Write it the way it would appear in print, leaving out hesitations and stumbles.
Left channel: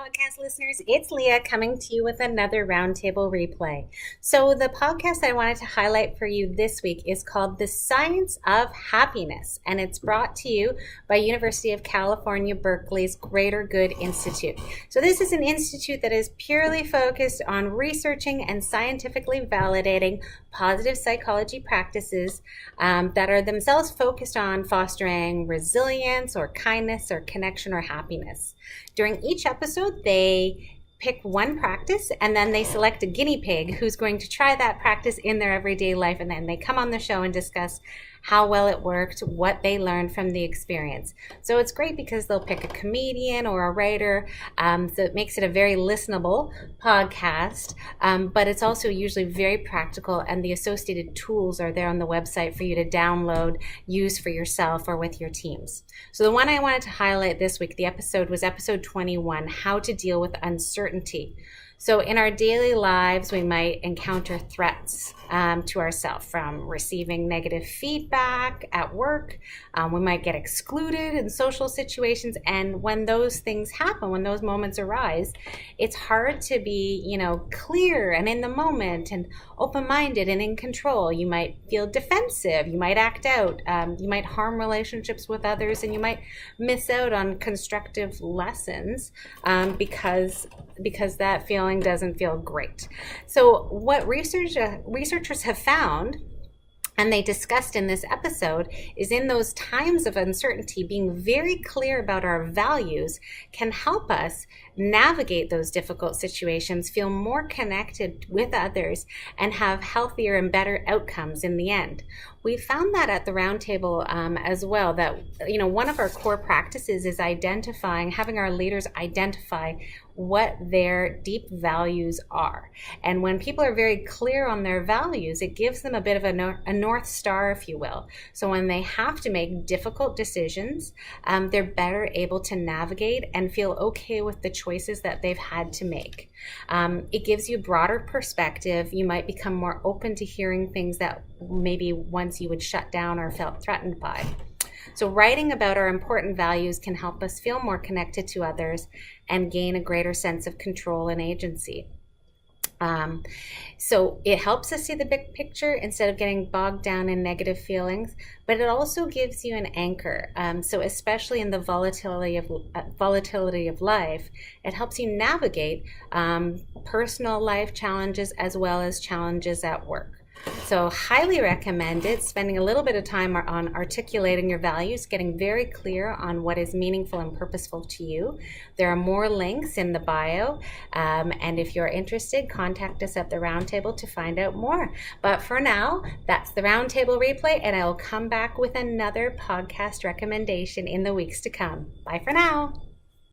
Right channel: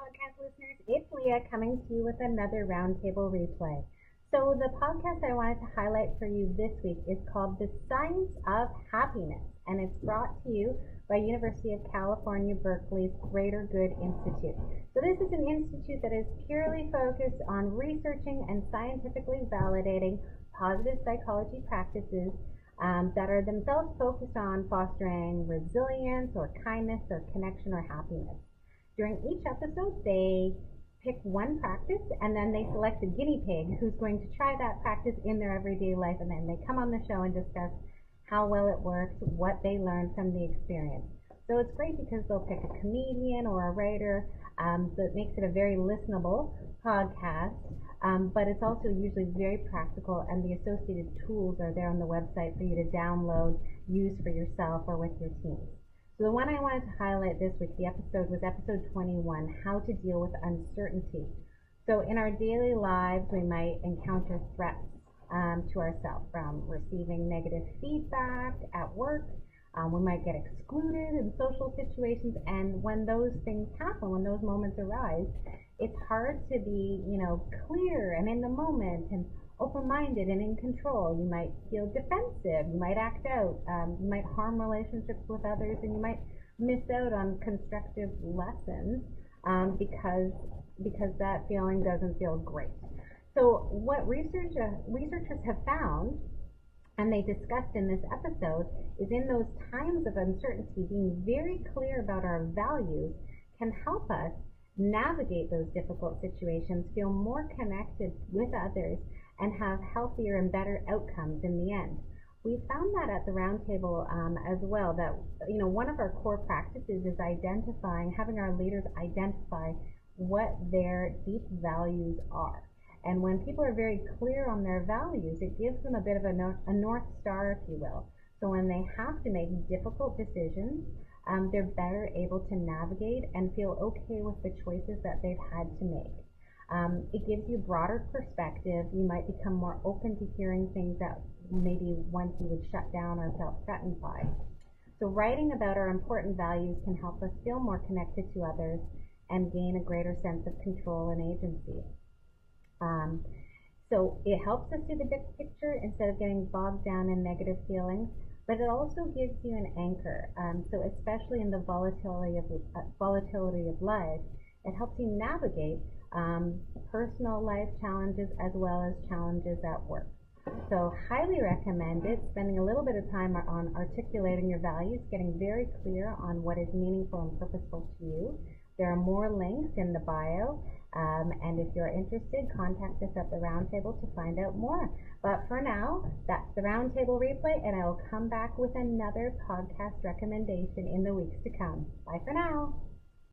podcast listeners. It's Leah coming to you with another Roundtable Replay. So the podcast I wanted to highlight for you this week is called The Science of Happiness, and it's brought to you by University of California, Berkeley's Greater Good Institute. So this is an institute that is purely focused on researching and scientifically validating positive psychology practices that are themselves focused on fostering resilience or kindness or connection or happiness. During each episode, they pick one practice and then they select a guinea pig who's going to try that practice in their everyday life, and then they come on the show and discuss how well it worked, what they learned from the experience. So it's great because they'll pick a comedian or a writer, so it makes it a very listenable podcast, but it's also usually very practical, and the associated tools are there on the website for you to download, use for yourself or with your teams. So the one I wanted to highlight this week, the episode was episode 21, How to Deal with Uncertainty. So in our daily lives, we might encounter threats to ourselves from receiving negative feedback at work. We might get excluded in social situations. And when those things happen, when those moments arise, it's hard to be, clear and in the moment and open-minded and in control. You might feel defensive. You might act out. You might harm relationships with others, and you might miss out on constructive lessons because that feeling doesn't feel great. So what researchers have found, and they discussed in this episode, is in those times of uncertainty, being very clear about our values can help us navigate those difficult situations, feel more connected with others, and have healthier and better outcomes in the end. We found that at the Roundtable as well, that one of our core practices is having our leaders identify what their deep values are. And when people are very clear on their values, it gives them a bit of a North Star, if you will. So when they have to make difficult decisions, they're better able to navigate and feel okay with the choices that they've had to make. It gives you broader perspective. You might become more open to hearing things that maybe once you would shut down or felt threatened by. So writing about our important values can help us feel more connected to others and gain a greater sense of control and agency. So it helps us see the big picture instead of getting bogged down in negative feelings, but it also gives you an anchor. So especially in the volatility of life, it helps you navigate personal life challenges as well as challenges at work. So highly recommend it, spending a little bit of time on articulating your values, getting very clear on what is meaningful and purposeful to you. There are more links in the bio, and if you're interested, contact us at the Roundtable to find out more. But for now, that's the Roundtable Replay, and I'll come back with another podcast recommendation in the weeks to come. Bye for now.